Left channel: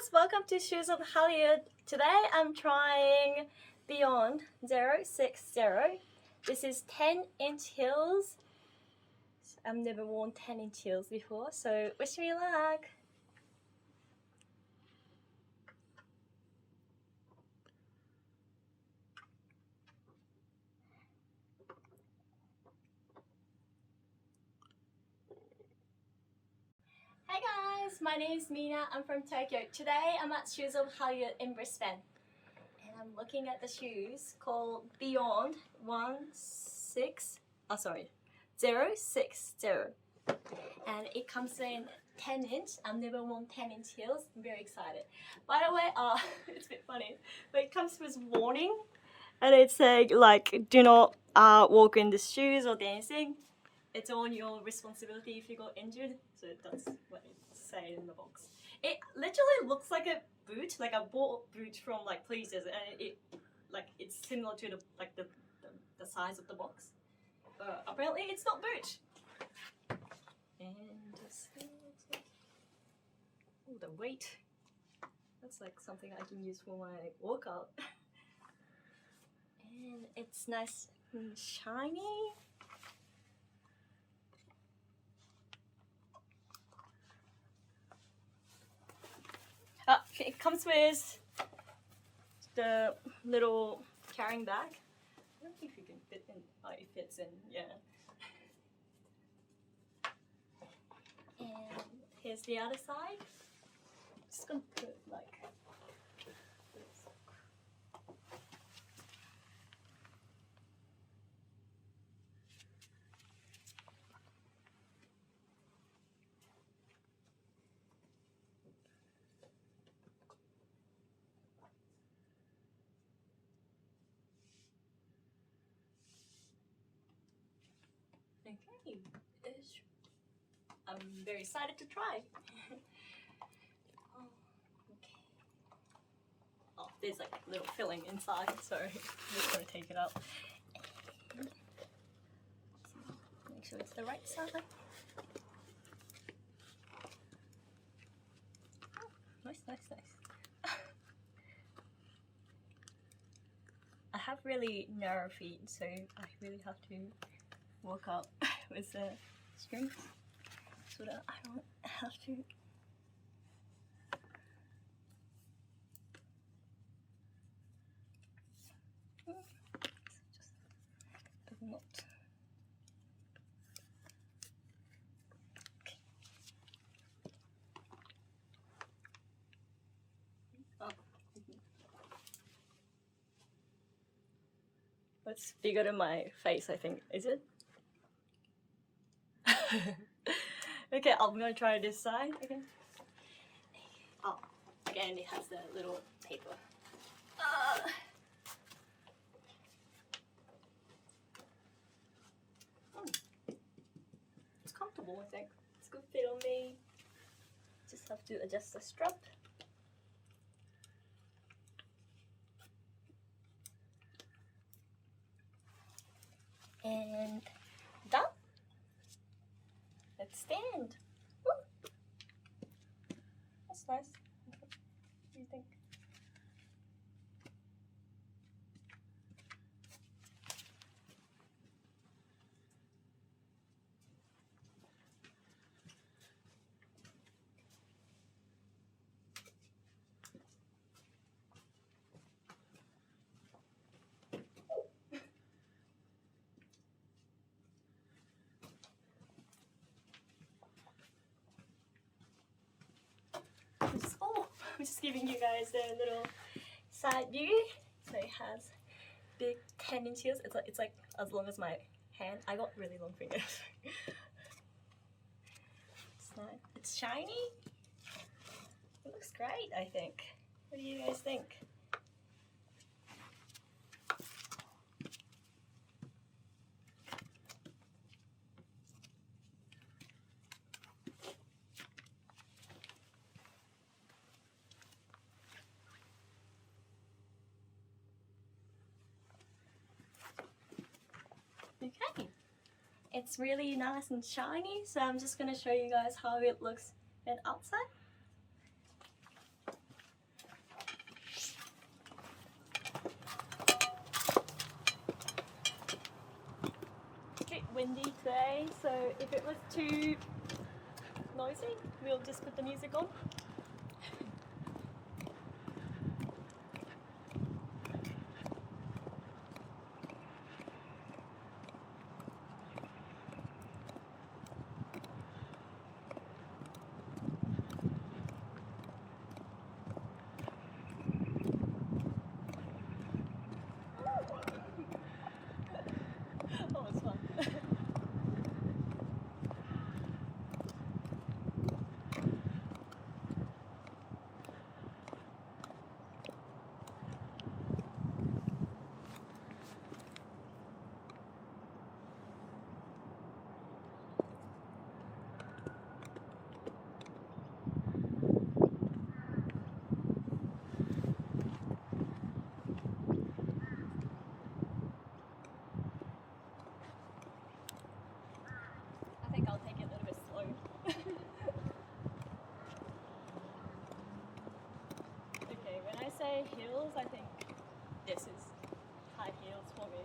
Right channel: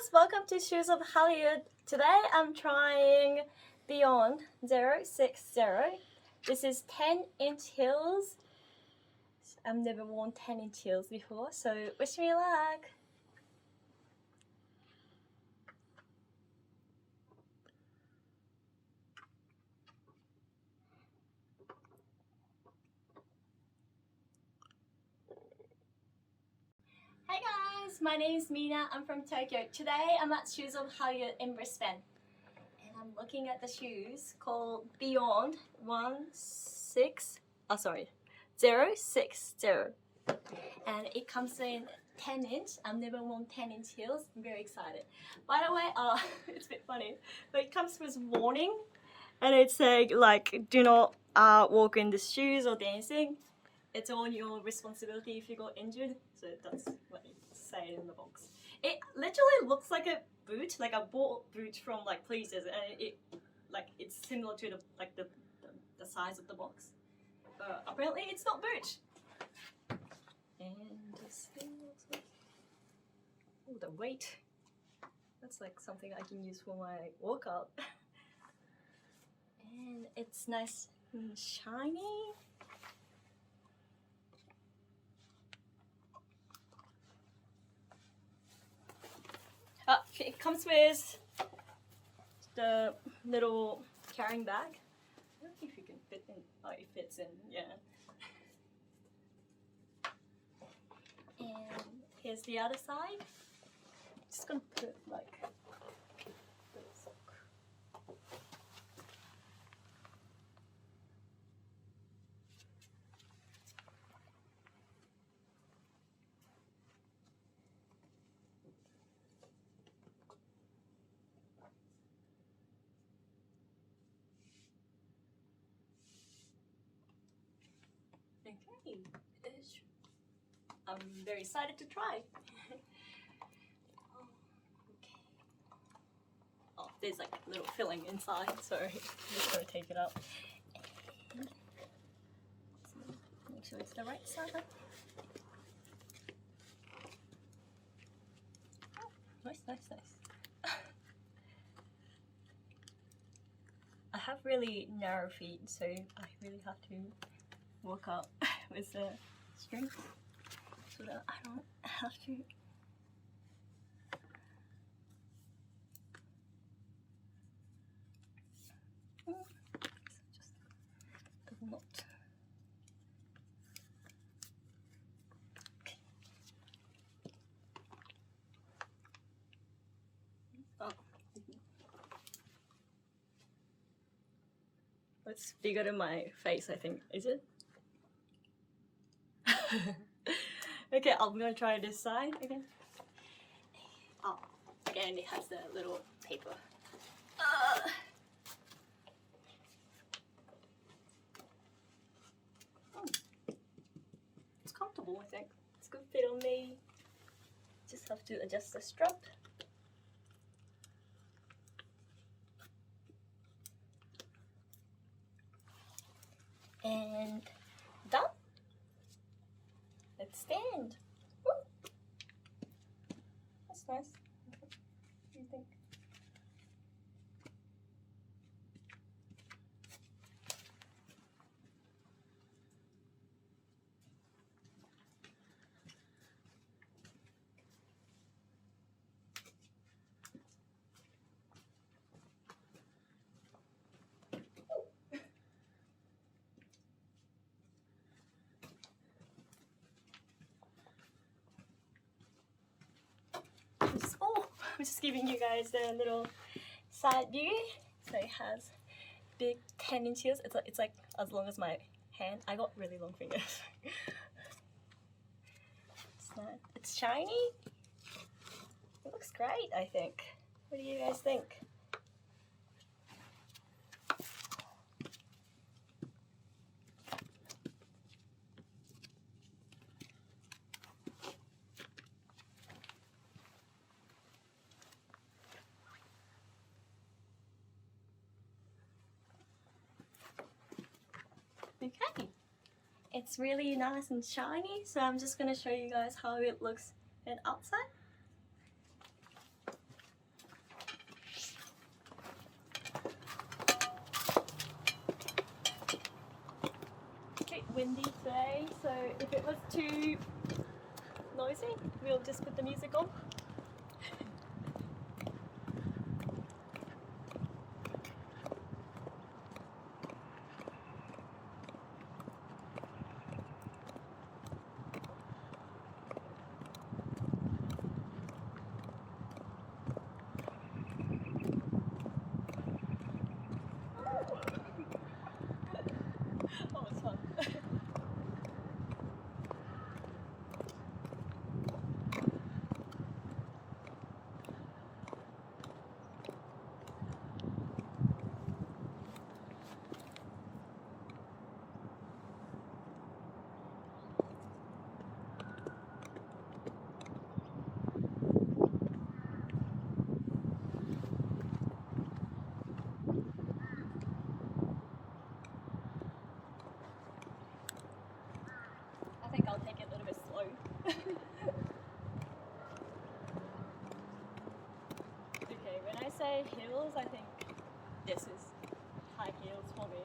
guys, welcome to Shoes of Hollywood. Today I'm trying BEYOND-060. This is 10-inch heels. I've never worn 10-inch heels before, so wish me luck. Hey guys, my name is Mina. I'm from Tokyo. Today I'm at Shoes of Hollywood in Brisbane. And I'm looking at the shoes called BEYOND-060. And it comes in 10-inch. I've never worn 10-inch heels. I'm very excited. By the way, it's a bit funny, but it comes with warning. And it's like do not walk in the shoes or dancing. It's on your responsibility if you got injured. So that's what it says in the box. It literally looks like a boot, like a bought boot from like places, and it's similar to the size of the box. But apparently it's not boot. And this thing looks like, oh, the weight. That's like something I can use for my workout. And it's nice and shiny. It comes with the little carrying bag. I don't know if you can fit in. Oh, it fits in, yeah. And here's the other side. Just gonna put like this. Okay, I'm very excited to try. Oh, okay. Oh, there's like a little filling inside, so I'm just gonna take it out. And make sure it's the right side. Oh, nice. I have really narrow feet, so I really have to work out with the strings so that I don't have to. Just does not. Okay. Oh. That's bigger than my face, I think. Is it? Okay, I'm gonna try this side again. Oh, again, it has the little paper. It's comfortable, I think. It's a good fit on me. Just have to adjust the strap. And done. Let's stand. Woo. That's nice. What do you think? I'm just giving you guys a little side view. So it has big 10-inch heels. It's like as long as my hand. I got really long fingers. It's shiny. It looks great, I think. What do you guys think? Okay, it's really nice and shiny, so I'm just gonna show you guys how it looks on outside. today, so if it was too noisy, we'll just put the music on. Oh, it's fun. I think I'll take it a little bit slow. Okay, when I say heels, I think this is high heels for me.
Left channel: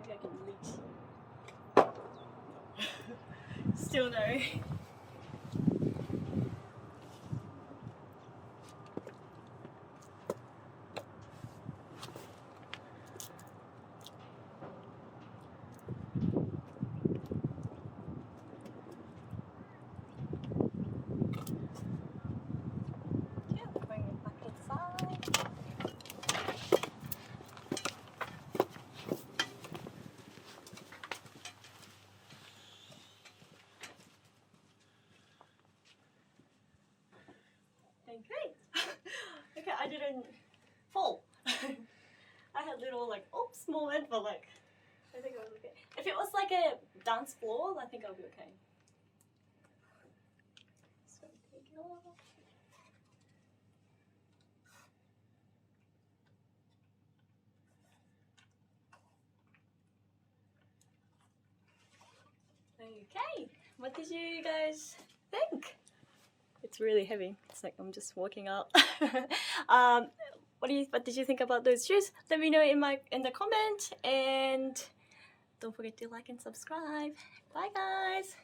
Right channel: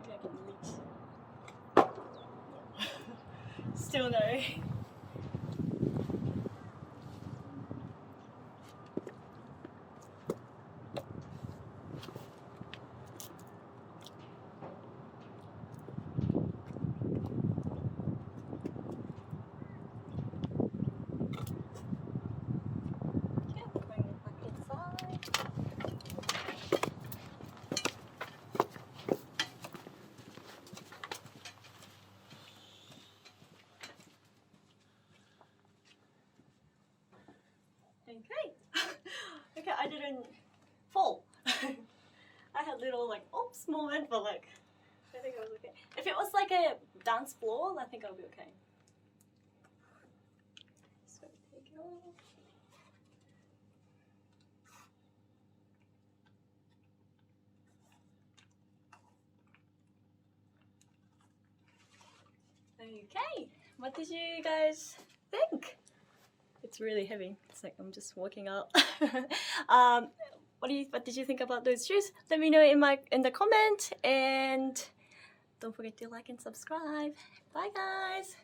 Maybe I can reach. No. Still no. Yeah, bring it back inside. Okay. Okay, I didn't fall. I had little like oops moment, but like I think I was okay. If it was like a dance floor, I think I'll be okay. So take it off. Okay, what did you guys think? It's really heavy. It's like I'm just walking up. What did you think about those shoes? Let me know in the comment, and don't forget to like and subscribe. Bye guys.